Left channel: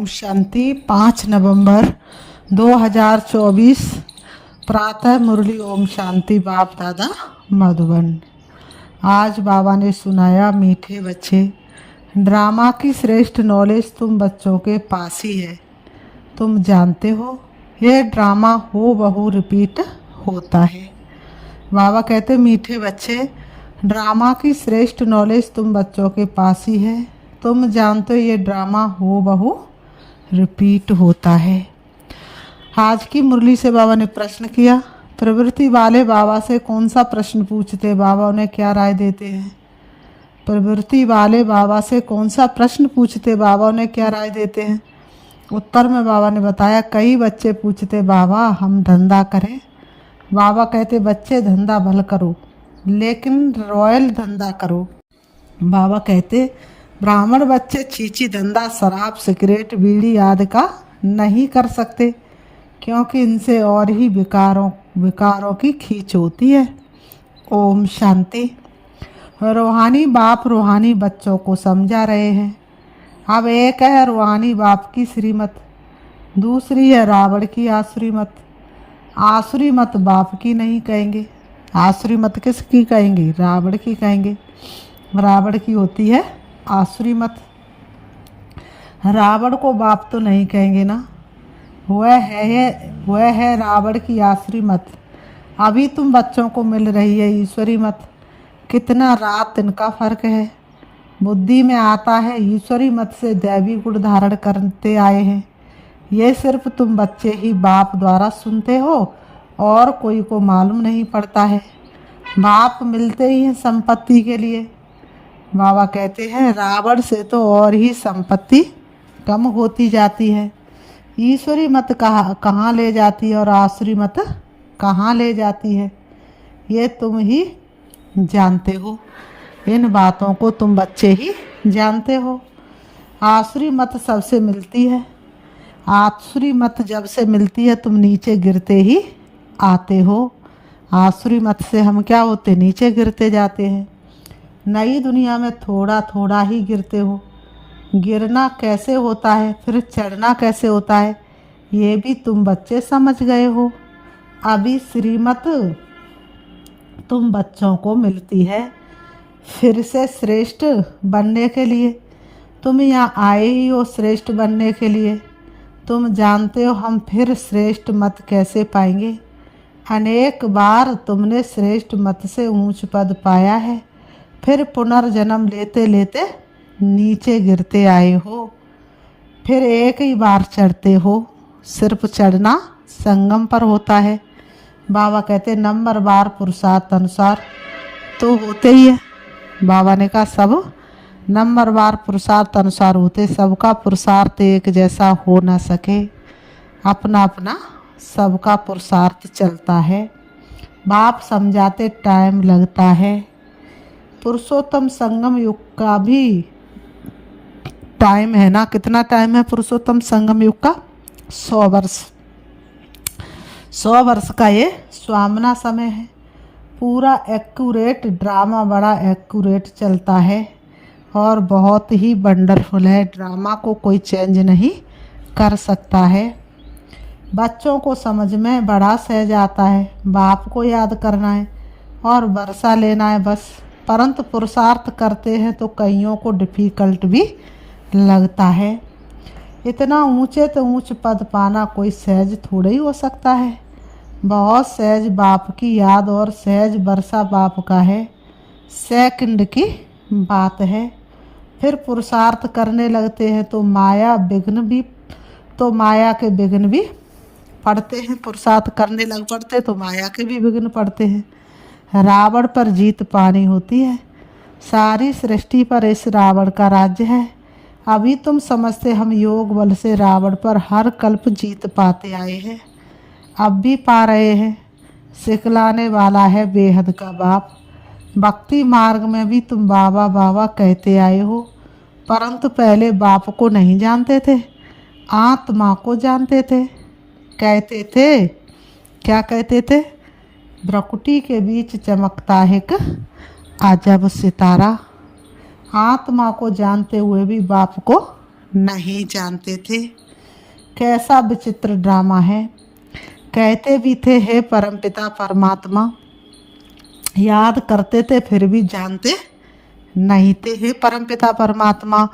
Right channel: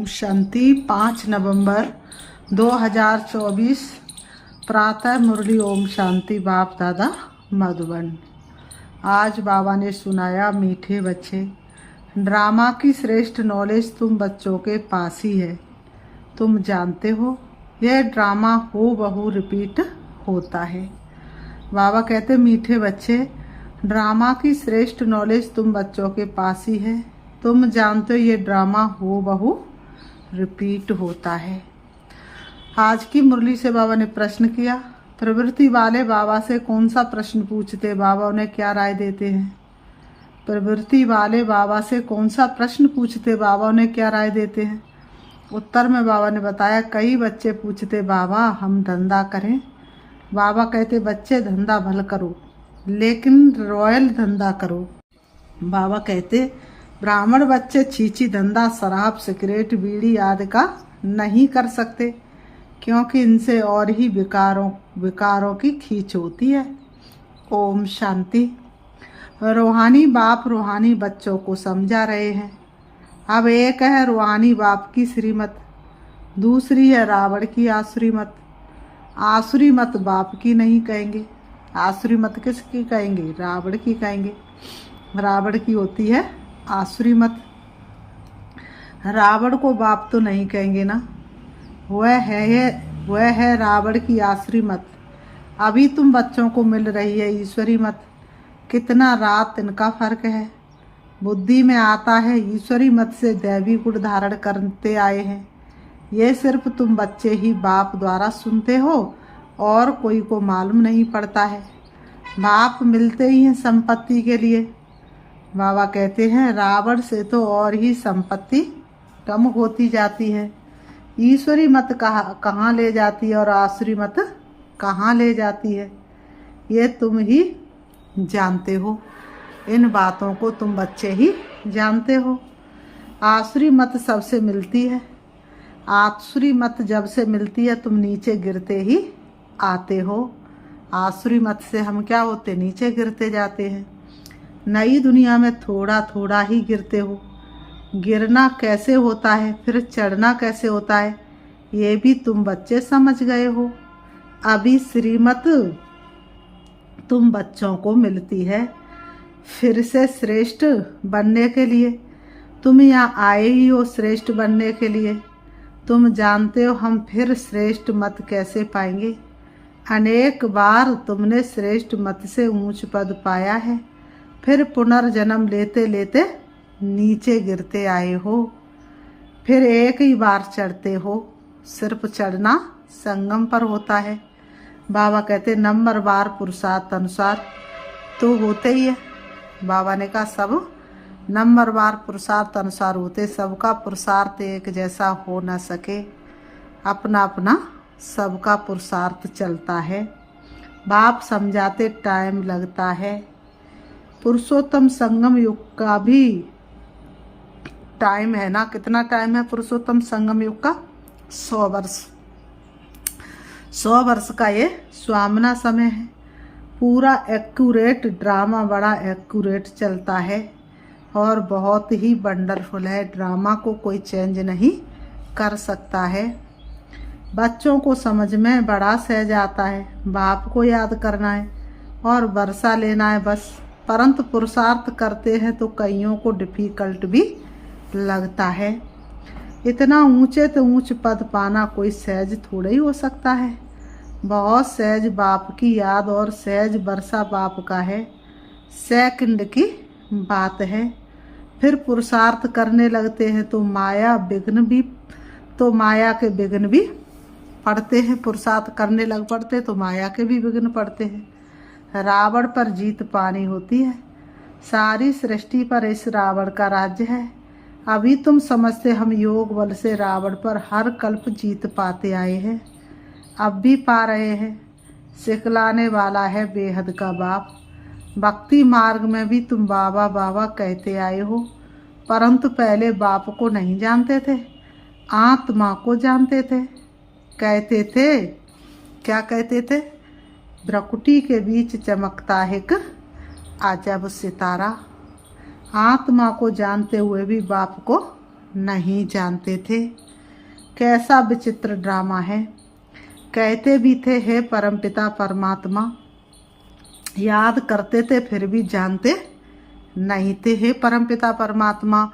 ओम शांति। 5 नवंबर 2024 प्रातः मुरली। ओम शांति। बाप दादा मधुबन। आज बाबा ने सुनाया, मीठे बच्चे, ड्रामा की श्रेष्ठ नॉलेज तुम बच्चों के पास ही है। तुम जानते हो ये ड्रामा हो बहू रिपीट होता है। बाबा कहते, मीठे बच्चे, ड्रामा की श्रेष्ठ नॉलेज तुम बच्चों के पास ही है। तुम जानते हो ये ड्रामा हो बहू रिपीट होता है। आज की मुरली से बाबा ने प्रश्न किया। प्रवृत्ति वाले बाबा से कौन सा प्रश्न पूछते, बाबा उन्हें क्या राय देते हैं? प्रवृत्ति वाले बाबा से कौन सा प्रश्न पूछते, बाबा उन्हें क्या राय देते हैं? उत्तर में बाबा ने बताया, कई बच्चे पूछते, बाबा हम धंधा करें। बाबा कहते, बच्चे धंधा भल करो लेकिन रॉयल धंधा करो। बाबा कहते, ब्राह्मण बच्चे छीछी धंधा शराब सिगरेट बीड़ी आदि का नहीं कर सकते, क्योंकि इनसे और ही विकारों की खींच होती है। ओम शांति। रूहानी बाप रूहानी बच्चों को समझा रहे हैं। अब एक है रूहानी बाप की श्रीमत, दूसरी है रावण की आसुरी मत। आसुरी मत बाप की नहीं कहेंगे, आसुरी मत किसकी कहेंगे? रावण की कहेंगे। रावण की होती है आसुरी मत। रावण को बाप तो नहीं कहेंगे ना, वह है रावण की आसुरी मत। अभी तुम बच्चों को मिल रही है ईश्वरी मत। कितना रात इनका फर्क है। बुद्धि में आता है ईश्वरी मत से दैवी गुण धारण करते आए हैं। ये सिर्फ तुम बच्चे ही बाप द्वारा सुनते हो और कोई को मालूम नहीं पड़ता है। बाप मिलते ही हैं संपत्ति के लिए। बाबा कहते हैं, रावण से तो और ही संपत्ति कम होती जाती है। ईश्वरी मत कहाँ ले जाती है और आसुरी मत कहाँ ले जाती है, ये तुम ही जानते हो। इन बातों को तुम बच्चे ही जानते हो। आसुरी मत सबसे मिलती है। आसुरी मत जब से मिलती है तुम नीचे गिरते ही आते हो। आसुरी मत से हम क्या होते? नीचे गिरते जाते हैं। नई दुनिया में थोड़ा थोड़ा ही गिरते हो। गिरना कैसे होता है, फिर चढ़ना कैसे होता है, ये भी तुम बच्चे समझ गए हो। अभी श्रीमत तुम बच्चों को मिलती है फिर से श्रेष्ठ बनने के लिए। तुम यहाँ आए ही हो श्रेष्ठ बनने के लिए। तुम जानते हो हम फिर श्रेष्ठ मत कैसे पाएंगे। अनेक बार तुमने श्रेष्ठ मत से ऊंच पद पाया है, फिर पुनर्जन्म लेते लेते नीचे गिरते आए हो, फिर एक ही बार चढ़ते हो। सिर्फ चढ़ना संगम पर होता है। बाबा कहते, नंबर बार पुरुषार्थ अनुसार तो होते ही है। बाबा ने कहा, सब नंबर बार पुरुषार्थ अनुसार होते। सबका पुरुषार्थ एक जैसा हो ना सके, अपना अपना सबका पुरुषार्थ चलता है। बाप समझाते टाइम लगता है। पुरुषोत्तम संगम युग का भी टाइम है ना। कितना टाइम है पुरुषोत्तम संगम युग का? 100 वर्ष। 100 वर्ष का ये स्वामना समय है। पूरा एक्यूरेट ड्रामा, बड़ा एक्यूरेट चलता है और बहुत ही वंडरफुल है। ड्रामा को कोई चेंज नहीं कर सकता है। बच्चों को समझ में बड़ा सहज आता है। बाप को याद करना है और वर्षा लेना है बस। परंतु पुरुषार्थ करते हैं तो कईयों को डिफ़िकल्ट भी लगता है। इतना ऊंचे तो ऊंच पद पाना कोई सहज थोड़ा ही हो सकता है। बहुत सहज बाप की याद और सहज वर्षा बाप का है। सेकंड की बात है। फिर पुरुषार्थ करने लगते हैं तो माया के विघ्न भी पड़ते हैं। पुरुषार्थ करने लग पड़ते तो माया के भी विघ्न पड़ते हैं। रावण पर जीत पानी होती है। सारी सृष्टि पर इस रावण का राज्य है। अभी तुम समझते हम योग बल से रावण पर हर कल्प जीत पाते आए हैं, अब भी पा रहे हैं। सिखलाने वाला है बेहद का बाप। भक्ति मार्ग में भी तुम बाबा बाबा कहते आए हो, परंतु पहले बाप को नहीं जानते थे, आत्मा को जानते थे। कहते थे, क्या कहते थे? भ्रकुटी के बीच चमकता है एक अजब सितारा। आत्मा को जानते हुए भी बाप को नहीं जानते थे। कैसा विचित्र ड्रामा है। कहते भी थे हे परमपिता परमात्मा, याद करते थे फिर भी जानते नहीं थे। हे परमपिता परमात्मा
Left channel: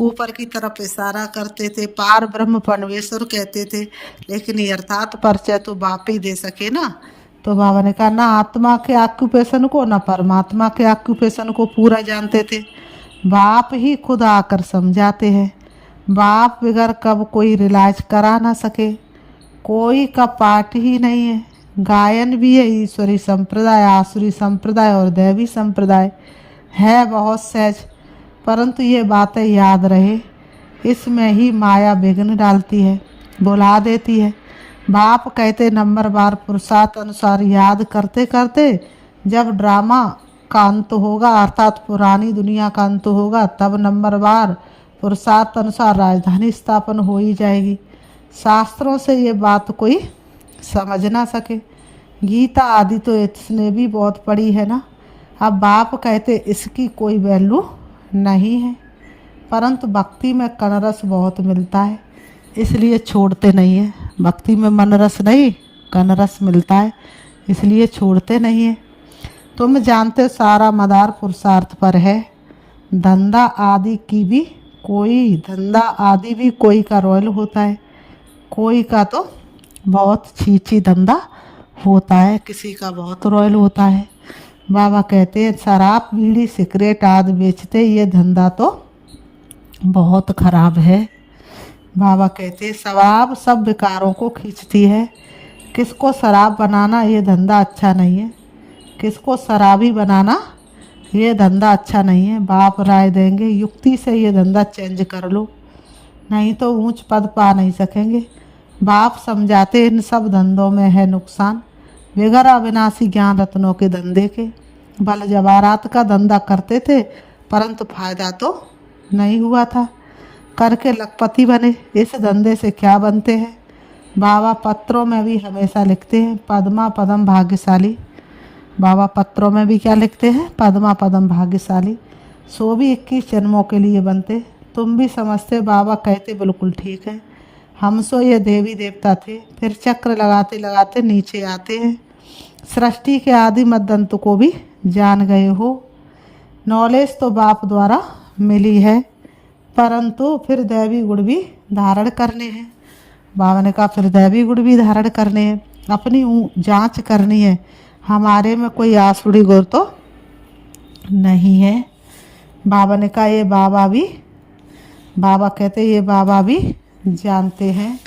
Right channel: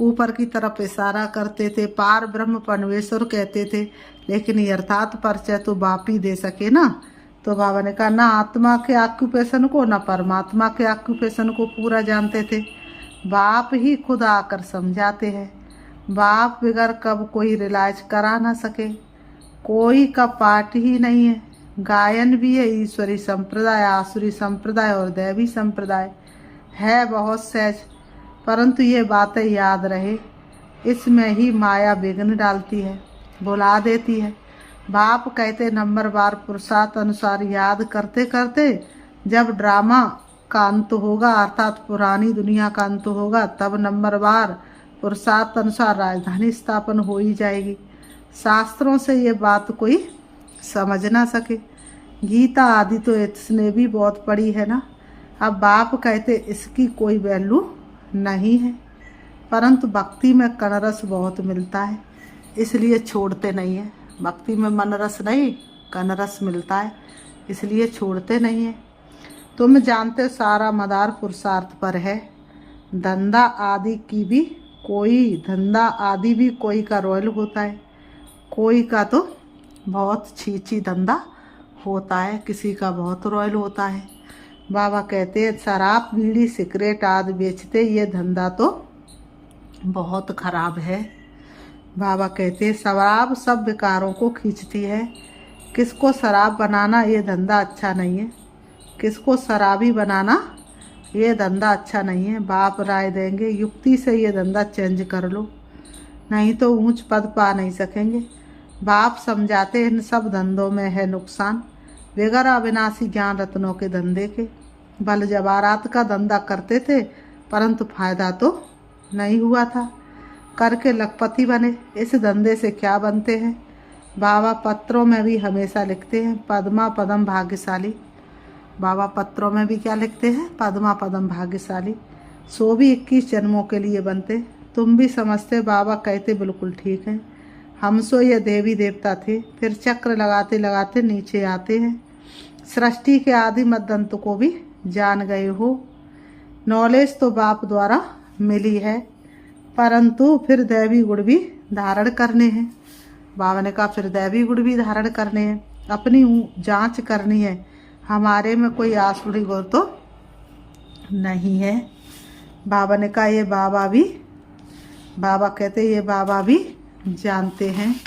ऊपर की तरफ इशारा करते थे, पार ब्रह्म परमेश्वर कहते थे, लेकिन यथार्थ परिचय तो बाप ही दे सके ना। तो बाबा ने कहा ना आत्मा के ऑक्यूपेशन को ना परमात्मा के ऑक्यूपेशन को पूरा जानते थे। बाप ही खुद आकर समझाते हैं। बाप बगैर कब कोई रिलाइज करा ना सके, कोई का पाठ ही नहीं है। गायन भी है ईश्वरी संप्रदाय, आसुरी संप्रदाय और दैवी संप्रदाय है बहुत सहज, परंतु ये बातें याद रहे, इसमें ही माया विघ्न डालती है, बुला देती है। बाप कहते नंबर बार पुरुषार्थ अनुसार याद करते करते जब ड्रामा का अंत होगा अर्थात पुरानी दुनिया का अंत होगा, तब नंबर बार पुरुषार्थ अनुसार राजधानी स्थापन हो ही जाएगी। शास्त्रों से ये बात कोई समझ ना सके। गीता आदि तो इसने भी बहुत पढ़ी है ना। अब बाप कहते इसकी कोई वैल्यू नहीं है, परंतु भक्ति में कनरस बहुत मिलता है, इसलिए छोड़ते नहीं है। भक्ति में मन रस नहीं कनरस मिलता है, इसलिए छोड़ते नहीं है। तुम जानते सारा मदार पुरुषार्थ पर है। धंधा आदि की भी धंधा आदि भी कोई का रॉयल होता है, कोई का तो बहुत छीछी धंधा होता है, किसी का बहुत रॉयल होता है। बाबा कहते हैं शराब बीड़ी सिगरेट आदि बेचते, ये धंधा तो बहुत खराब है। बाबा कहते हैं शराब सब विकारों को खींचती है। किसको शराब बनाना ये धंधा अच्छा नहीं है, किसको शराबी बनाना ये धंधा अच्छा नहीं है। बाप राय देंगे युक्ति से ये धंधा चेंज कर लो, नहीं तो ऊंच पद पा नहीं सकेंगे। बाप समझाते इन सब धंधों में है नुकसान, बेगर अविनाशी ज्ञान रत्नों के धंधे के। बल जवारात का धंधा करते थे, परंतु फायदा तो नहीं हुआ था, करके लखपति बने। इस धंधे से क्या बनते हैं। बाबा पत्रों में भी हमेशा लिखते हैं पद्मा पदम भाग्यशाली। बाबा पत्रों में भी क्या लिखते हैं पद्मा पदम भाग्यशाली, सो भी 21 जन्मों के लिए बनते। तुम भी समझते, बाबा कहते बिल्कुल ठीक है। हम सो ये देवी देवता थे, फिर चक्र लगाते लगाते नीचे आते हैं। सृष्टि के आदि मद्दंत को भी जान गए हो। नॉलेज तो बाप द्वारा मिली है, परंतु फिर दैवी गुण भी धारण करने हैं। बाबा ने कहा फिर दैवी गुण भी धारण करने हैं, अपनी जांच करनी है, हमारे में कोई आसुरी गुण तो नहीं है। बाबा ने कहा ये बाबा कहते ये बाबा भी जानते हैं।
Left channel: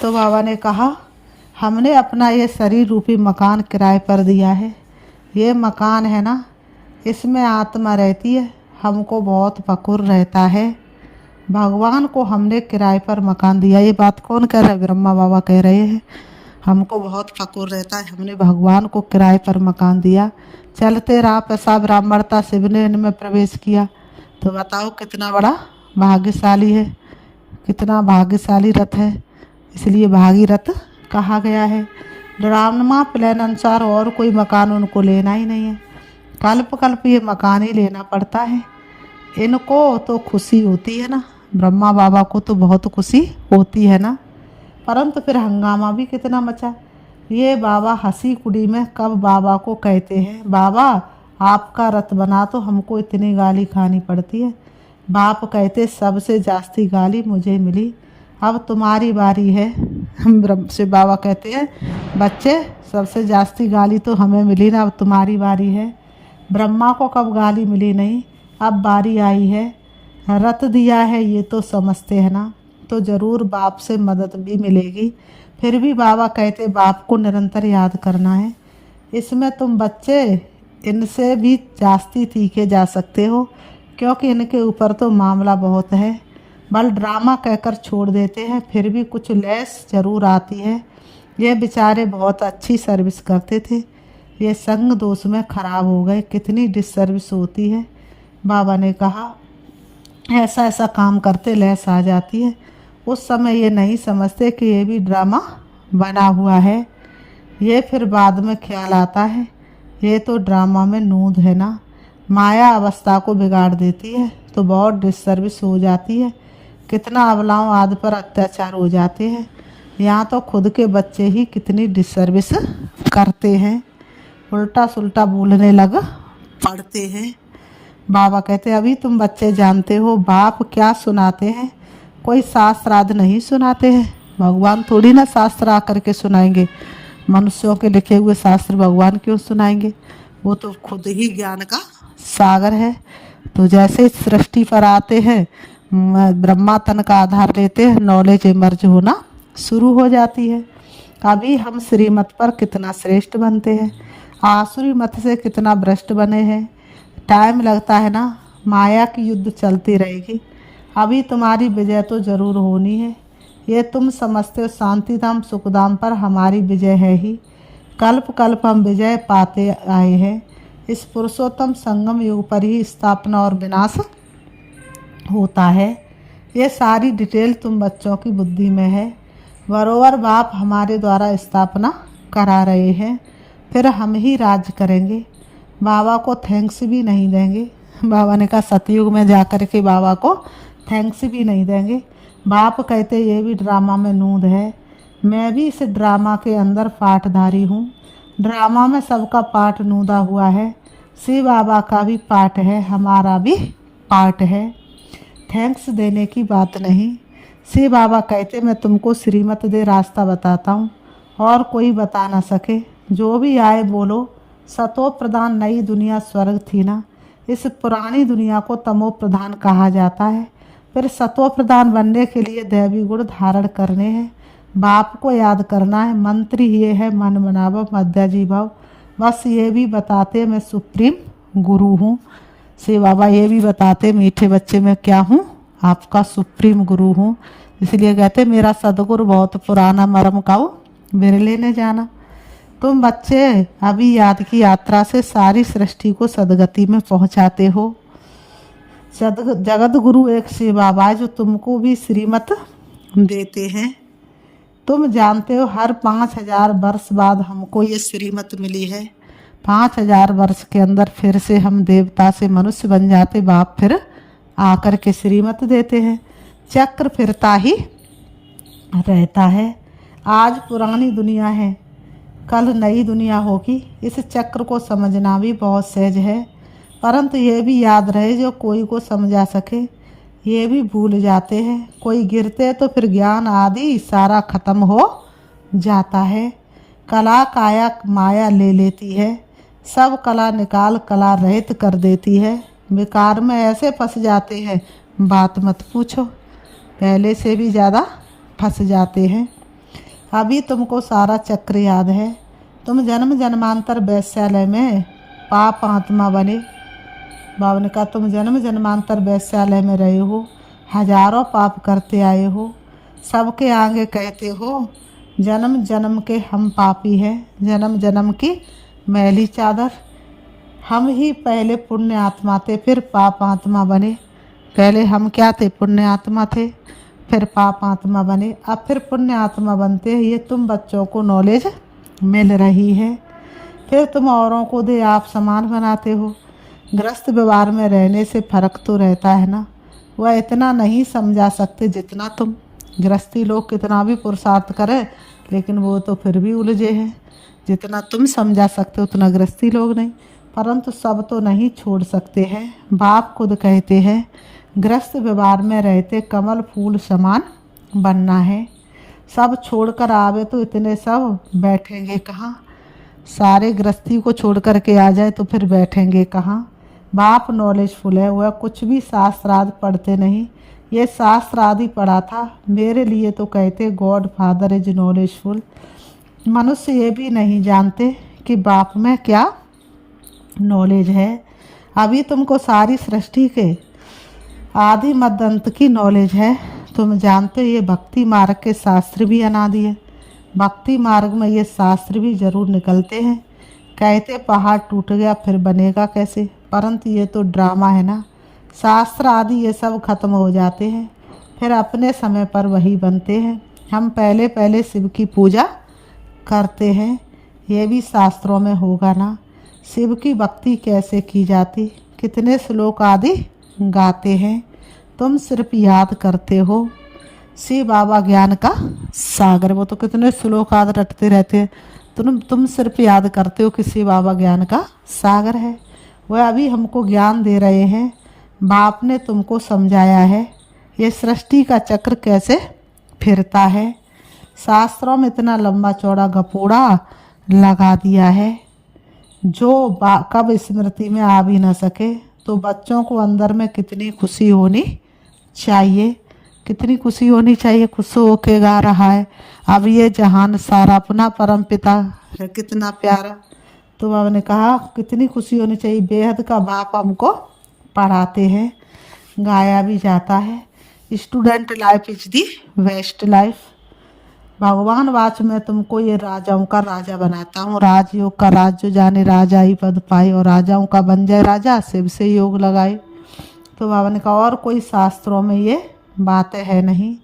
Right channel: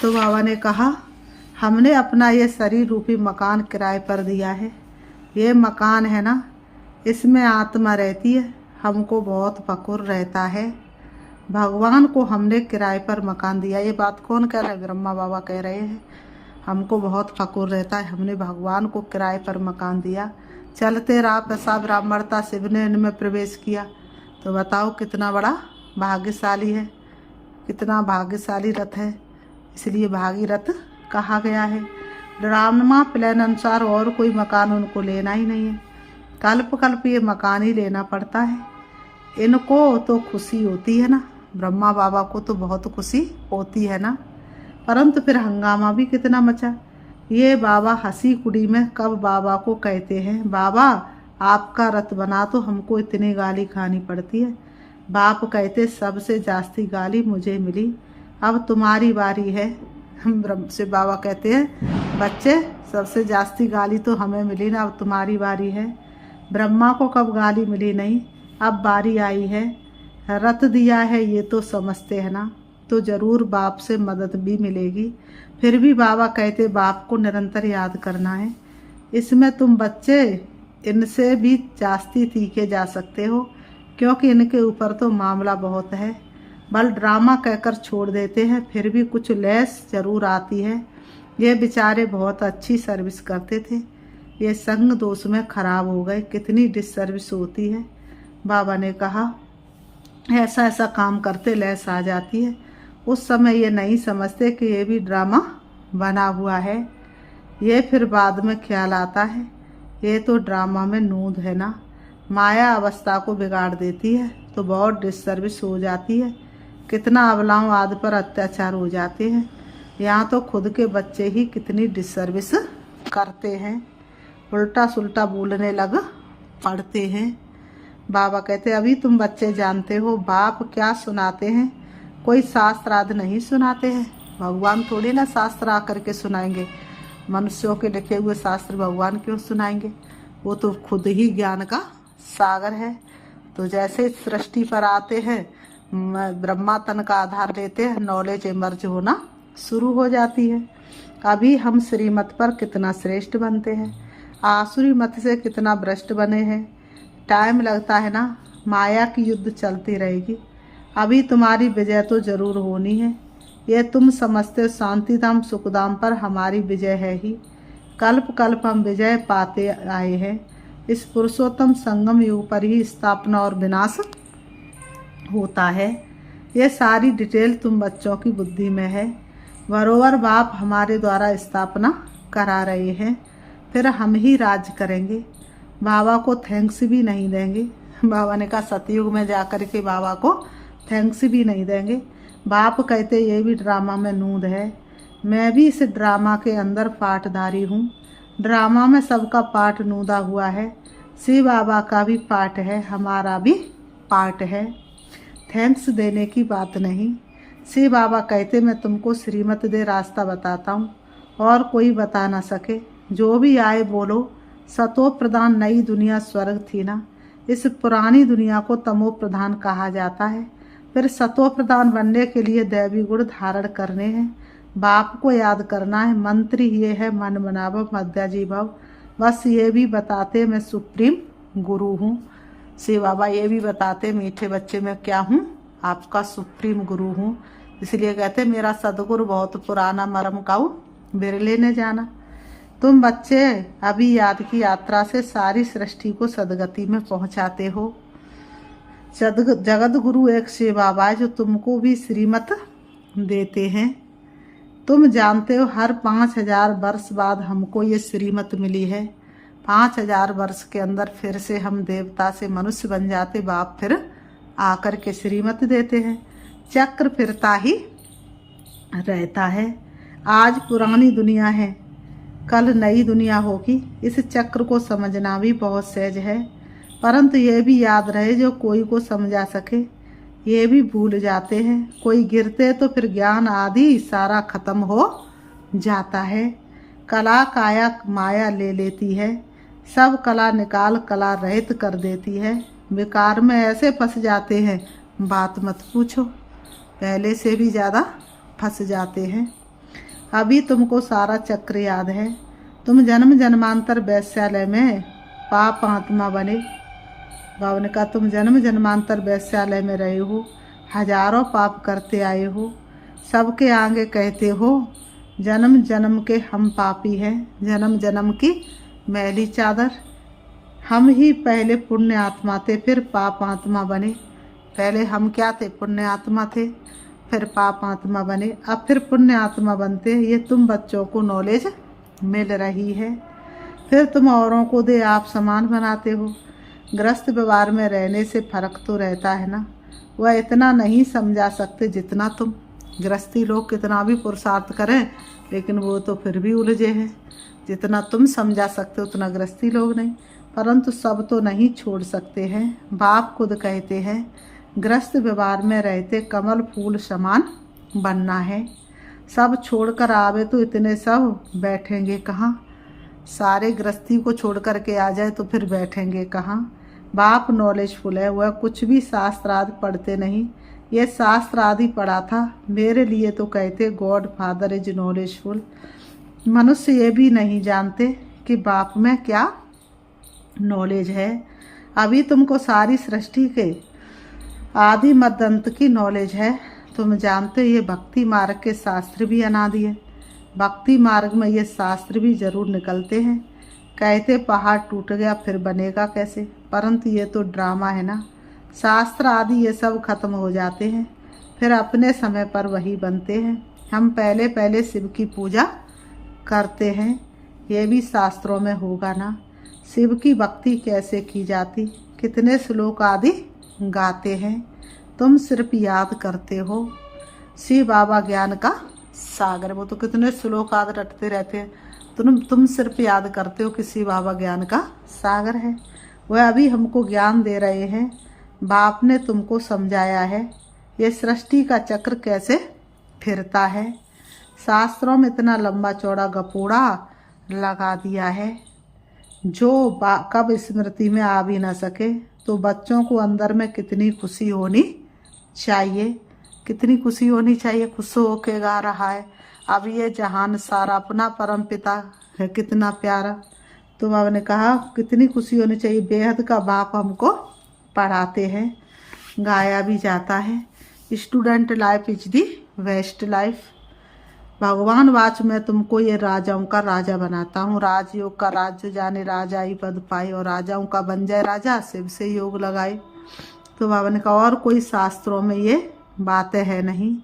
तो बाबा ने कहा हमने अपना ये शरीर रूपी मकान किराए पर दिया है। ये मकान है ना, इसमें आत्मा रहती है, हमको बहुत फकुर रहता है। भगवान को हमने किराए पर मकान दिया। ये बात कौन कह रहा है, ब्रह्मा बाबा कह रहे हैं। हमको बहुत फकुर रहता है, हमने भगवान को किराए पर मकान दिया। चलते रहा पेशाब ब्राह्मणता शिव ने इनमें प्रवेश किया। तो बताओ कितना बड़ा भाग्यशाली है, कितना भाग्यशाली रथ है, इसलिए भागीरथ कहा गया है। ड्रामा प्लान अनुसार और कोई मकान उनको लेना ही नहीं है, कल्प कल्प ये मकान ही लेना पड़ता है। इनको तो खुशी होती है ना, ब्रह्मा बाबा को तो बहुत खुशी होती है ना, परंतु फिर हंगामा भी कितना मचा। ये बाबा हंसी कुड़ी में कब बाबा को कहते हैं बाबा आपका रथ बना तो हमको इतनी गाली खानी पड़ती है। बाप कहते सबसे जास्ती गाली मुझे मिली, अब तुम्हारी बारी है। हम ब्रह्म से बाबा कहते हैं बच्चे सबसे जास्ती गाली तो हमें मिली ना, अब तुम्हारी बारी है। ब्रह्मा को कब गाली मिली नहीं, अब बारी आई है। रथ दिया है ये तो समझते हैं ना, तो ज़रूर बाप से मदद भी मिलेगी। फिर भी बाबा कहते बाप को निरंतर याद करना है। इसमें तुम बच्चे इनसे भी जास्ती तीखे जा सकते हो, क्योंकि इनके ऊपर तो मामला बहुत है। बल ड्रामा कहकर छोड़ देते हैं, फिर भी कुछ लेस ज़रूर आती है। ये बेचारे बहुत अच्छी सर्विस करते थे, ये संग दोष में ख़राब हो गए, कितनी डिसर्विस होती है। बाबा ने कहा ऐसा ऐसा काम करते लेस आ जाती है। उस समय ये नहीं समझते कि ये भी ड्रामा बना हुआ है, ये फिर बाद में ख्याल आता है ये तो ड्रामा में नूंद है ना। माया अवस्था को बिगाड़ देती है तो बहुत डिसर्विस हो जाती है। कितना अबलाओं आदि पर अत्याचार हो जाते हैं। यहाँ तो खुद के बच्चे ही कितनी डिसर्विस करते हैं, उल्टा सुल्टा बोलने लग पड़ते हैं। बाबा कहते अभी तुम बच्चे जानते हो बाप क्या सुनाते हैं, कोई शास्त्र आदि नहीं सुनाते हैं। भगवान थोड़ी ना शास्त्र आकर के सुनाएंगे, मनुष्यों के लिखे हुए शास्त्र भगवान क्यों सुनाएंगे, वो तो खुद ही ज्ञान का सागर है। तो जैसे सृष्टि पर आते हैं ब्रह्मा तन का आधार लेते हैं, नॉलेज इमर्ज होना शुरू हो जाती है। अभी हम श्रीमत पर कितना श्रेष्ठ बनते हैं, आसुरी मत से कितना भ्रष्ट बने हैं। टाइम लगता है ना, माया की युद्ध चलती रहेगी। अभी तुम्हारी विजय तो जरूर होनी है। ये तुम समझते हो शांतिधाम सुखधाम पर हमारी विजय है ही। कल्प कल्प हम विजय पाते आए हैं। इस पुरुषोत्तम संगम युग पर ही स्थापना और विनाश होता है। ये सारी डिटेल तुम बच्चों की बुद्धि में है। बरोबर बाप हमारे द्वारा स्थापना करा रहे हैं, फिर हम ही राज करेंगे। बाबा को थैंक्स भी नहीं देंगे। बाबा ने कहा सतयुग में जा कर के बाबा को थैंक्स भी नहीं देंगे। बाप कहते ये भी ड्रामा में नूंद है, मैं भी इस ड्रामा के अंदर पाठधारी हूँ। ड्रामा में सबका पाठ नूदा हुआ है, शिव बाबा का भी पाठ है, हमारा भी पाठ है। थैंक्स देने की बात नहीं। शिव बाबा कहते मैं तुमको श्रीमत दे रास्ता बताता हूँ और कोई बता ना सके। जो भी आए बोलो। सतो प्रधान नई दुनिया स्वर्ग थी ना, इस पुरानी दुनिया को तमो प्रधान कहा जाता है। फिर सतो प्रधान बनने के लिए दैवी गुण धारण करने हैं, बाप को याद करना है। मंत्र ये है मन मनावो मध्याजी भाव। बस ये भी बताते मैं सुप्रीम गुरु हूँ। शिव बाबा ये भी बताते मीठे बच्चे मैं क्या हूँ, आपका सुप्रीम गुरु हूँ। इसलिए कहते मेरा सदगुरु बहुत पुराना मरम काऊ बिरले ने जाना। तुम बच्चे अभी याद की यात्रा से सारी सृष्टि को सदगति में पहुंचाते हो। जगत गुरु एक शिव बाबा है जो तुमको भी श्रीमत देते हैं। तुम जानते हो हर 5000 वर्ष बाद हमको ये श्रीमत मिली है। 5000 वर्ष के अंदर फिर से हम देवता से मनुष्य बन जाते, बाप फिर आकर के श्रीमत देते हैं। चक्र फिरता ही रहता है। आज पुरानी दुनिया है, कल नई दुनिया होगी। इस चक्र को समझना भी बहुत सहज है, परंतु ये भी याद रहे जो कोई को समझा सके ये भी भूल जाते हैं। कोई गिरते तो फिर ज्ञान आदि सारा खत्म हो जाता है। कला काया माया ले लेती है, सब कला निकाल कला रहित कर देती है। विकार में ऐसे फंस जाते हैं बात मत पूछो, पहले से भी ज़्यादा फंस जाते हैं। अभी तुमको सारा चक्र याद है। तुम जन्म जन्मांतर वैश्यालय में पाप आत्मा बने। बाबा ने कहा तुम जन्म जन्मांतर वैश्यालय में रहे हो, हजारों पाप करते आए हो। सबके आगे कहते हो जन्म जन्म के हम पापी हैं, जन्म जन्म की मैली चादर। हम ही पहले पुण्य आत्मा थे, फिर पाप आत्मा बने। पहले हम क्या थे? पुण्य आत्मा थे, फिर पाप आत्मा बने, अब फिर पुण्य आत्मा बनते हैं। ये तुम बच्चों को नॉलेज मिल रही है। फिर तुम औरों को दे आप समान बनाते हो। ग्रस्त व्यवहार में रहने से फर्क तो रहता है ना, वह इतना नहीं समझा सकते जितना तुम। गृहस्थी लोग कितना भी पुरुषार्थ करें लेकिन वो तो फिर भी उलझे हैं। जितना तुम समझा सकते उतना गृहस्थी लोग नहीं, परंतु सब तो नहीं छोड़ सकते हैं। बाप खुद कहते हैं गृहस्थ व्यवहार में रहते कमल फूल समान बनना है। सब छोड़कर आवे तो इतने सब बैठेंगे कहाँ? सारे गृहस्थी को छोड़ कर के आ जाए तो फिर बैठेंगे कहाँ? बाप नॉलेजफुल है, वह कुछ भी शास्त्र आदि पढ़ते नहीं। ये शास्त्र आदि पढ़ा था मेरे लिए तो कहते गॉड फादर इज नॉलेजफुल। मनुष्य ये भी नहीं जानते कि बाप में क्या नॉलेज है। अभी तुमको सारी सृष्टि के आदि मध्य अंत की नॉलेज है। तुम जानते ये भक्ति मार्ग के शास्त्र भी अनादि है। भक्ति मार्ग में ये शास्त्र भी जरूर निकलते हैं। कहते पहाड़ टूट गया फिर बनेगा कैसे, परंतु ये तो ड्रामा है ना। शास्त्र आदि ये सब खत्म हो जाते हैं, फिर अपने समय पर वही बनते हैं। हम पहले पहले शिव की पूजा करते हैं, ये भी शास्त्रों में होगा ना। शिव की भक्ति कैसे की जाती, कितने श्लोक आदि गाते हैं। तुम सिर्फ याद करते हो। शिव बाबा ज्ञान का सागर, वो तो कितने श्लोक याद रटते रहते हैं। तुम सिर्फ याद करते हो कि शिव बाबा ज्ञान का सागर है। वह अभी हमको ज्ञान दे रहे हैं। बाप ने तुमको समझाया है ये सृष्टि का चक्र कैसे फिरता है। शास्त्रों में इतना लंबा चौड़ा गपोड़ा लगा दिया है जो कब स्मृति में आ भी न सके। तो बच्चों को अंदर में कितनी खुशी होनी चाहिए, कितनी खुशी होनी चाहिए। खुश होके गा रहा है अब ये जहान सारा अपना परम पिता है, कितना प्यारा। तो बाबा ने कहा कितनी खुशी होनी चाहिए। बेहद का बाप हमको पढ़ाते हैं, गाया भी जाता है। Student life is the best life. भगवान वाच में तुमको ये राजाओं का राजा बनाता हूँ। राजयोग का राज जो जाने राजा ही पद पाए, और राजाओं का बन जाए राजा, शिव से योग लगाए। तो बाबा ने कहा और कोई शास्त्रों में ये बातें है नहीं।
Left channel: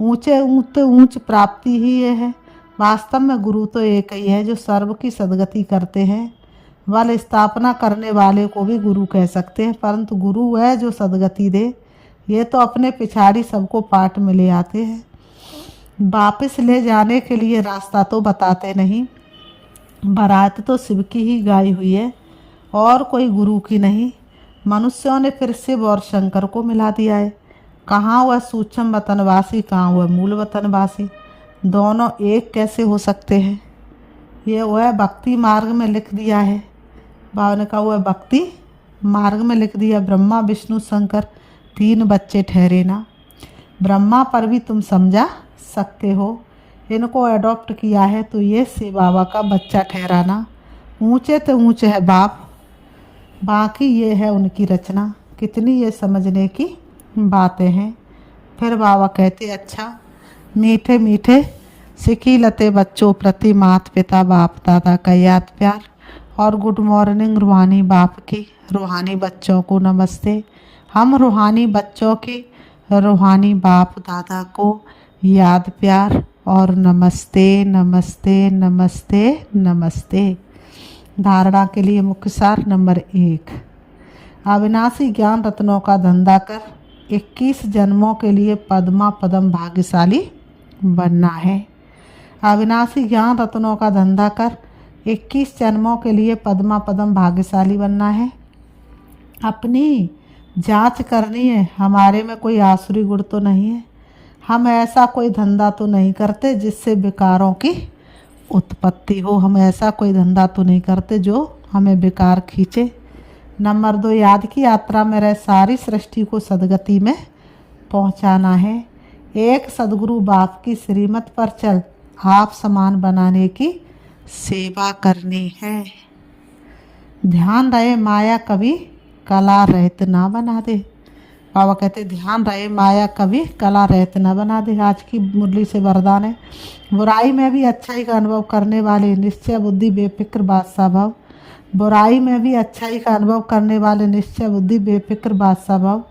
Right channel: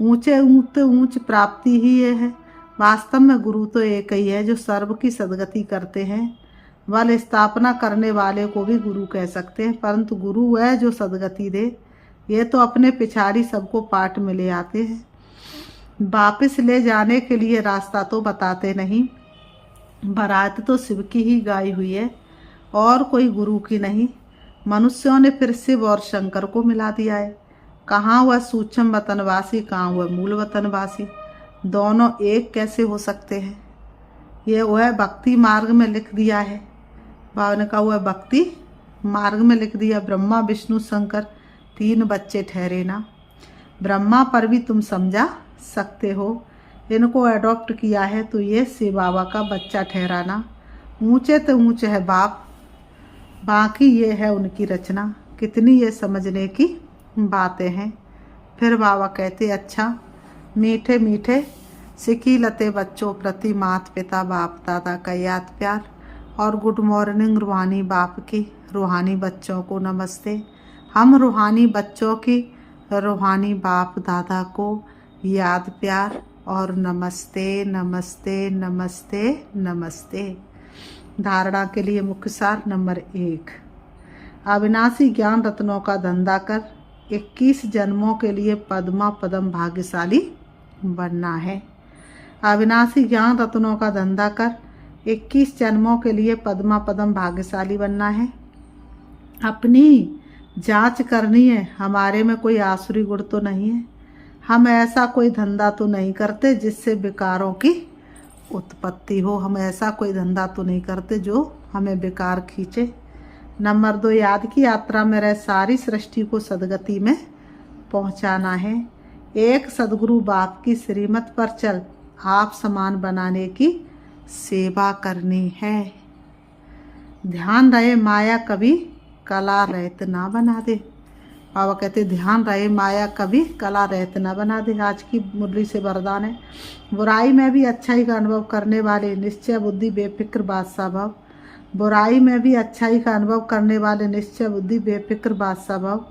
ऊंचे ऊंच प्राप्ति ही ये है। वास्तव में गुरु तो एक ही है जो सर्व की सदगति करते हैं। बल स्थापना करने वाले को भी गुरु कह सकते हैं, परंतु गुरु वह जो सदगति दे। ये तो अपने पिछाड़ी सबको पाठ में ले आते हैं। वापस ले जाने के लिए रास्ता तो बताते नहीं। बारात तो शिव की ही गाई हुई है और कोई गुरु की नहीं। मनुष्यों ने फिर शिव और शंकर को मिला दिया है। कहाँ वह सूक्ष्म वतनवासी, कहाँ वह मूल वतनवासी, दोनों एक कैसे हो सकते हैं। ये वह भक्ति मार्ग में लिख दिया है। बाबा ने कहा वह भक्ति मार्ग में लिख दिया। ब्रह्मा विष्णु शंकर 3 बच्चे ठहरे ना। ब्रह्मा पर भी तुम समझा सकते हो। इनको अडॉप्ट किया है तो ये शिव बाबा का बच्चा ठहराना। ऊंचे तो ऊंचे है बाप, बाकी ये है उनकी रचना। कितनी ये समझने की बातें हैं। फिर बाबा कहते अच्छा मीठे मीठे सिकी लते बच्चों प्रति माता पिता बाप दादा का याद प्यार। और गुड मॉर्निंग रूहानी बाप की, रूहानी बच्चों को नमस्ते। हम रूहानी बच्चों के रूहानी बाप दादा को याद प्यार और नमस्ते नमस्ते नमस्ते नमस्ते। धारणा के लिए मुख्य सार नंबर 1, अविनाशी ज्ञान रत्नों का धंधा कर 21 जन्मों के लिए पद्मा पदम भाग्यशाली बनना है। अविनाशी ज्ञान रत्नों का धंधा कर 21 जन्मों के लिए पद्मा पदम भाग्यशाली बनना है। अपनी जांच करनी है, हमारे में कोई आसुरी गुण तो नहीं है। हम ऐसा कोई धंधा तो नहीं करते जिससे विकारों की उत्पत्ति हो। हम ऐसा कोई धंधा तो नहीं करते जो हमें विकार खींचे। नंबर 2, याद की यात्रा में रह सारी सृष्टि को सदगति में पहुंचाना है। एक सदगुरु बाप की श्रीमत पर चल आप समान बनाने की सेवा करनी है। ध्यान रहे माया कभी कला रहित ना बना दे। बाबा कहते ध्यान रहे माया कभी कला रहित ना बना दे। आज की मुरली से वरदान है। बुराई में भी अच्छाई का अनुभव करने वाले निश्चय बुद्धि बेफिक्र बादशाह भाव। बुराई में भी अच्छाई का अनुभव करने वाले निश्चय बुद्धि बेफिक्र बादशाह भाव।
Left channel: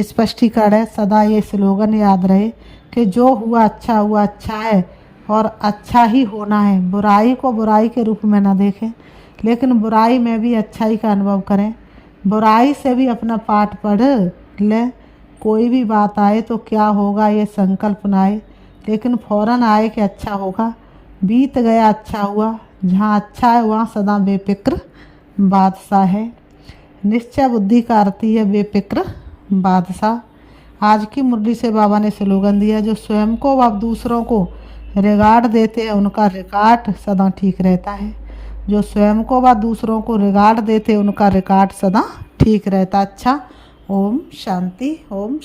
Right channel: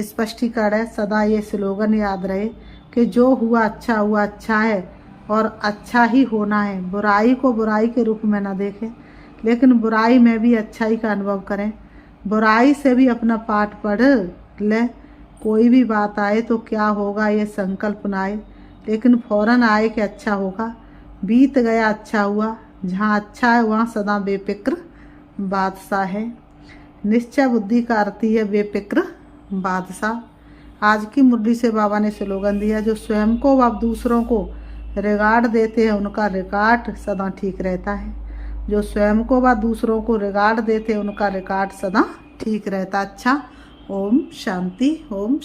स्पष्टीकरण है, सदा ये स्लोगन याद रहे कि जो हुआ अच्छा है और अच्छा ही होना है। बुराई को बुराई के रूप में ना देखें, लेकिन बुराई में भी अच्छाई का अनुभव करें। बुराई से भी अपना पाठ पढ़ ले। कोई भी बात आए तो क्या होगा ये संकल्प ना आए, लेकिन फौरन आए कि अच्छा होगा। बीत गया अच्छा हुआ। जहाँ अच्छा है वहाँ सदा बेफिक्र बादशाह है। निश्चय बुद्धि का अर्थ ही है बेफिक्र बादशाह। आज की मुरली से बाबा ने स्लोगन दिया, जो स्वयं को व दूसरों को रिगार्ड देते हैं उनका रिकॉर्ड सदा ठीक रहता है। जो स्वयं को व दूसरों को रिगार्ड देते हैं उनका रिकॉर्ड सदा ठीक रहता। अच्छा, ओम शांति। ओम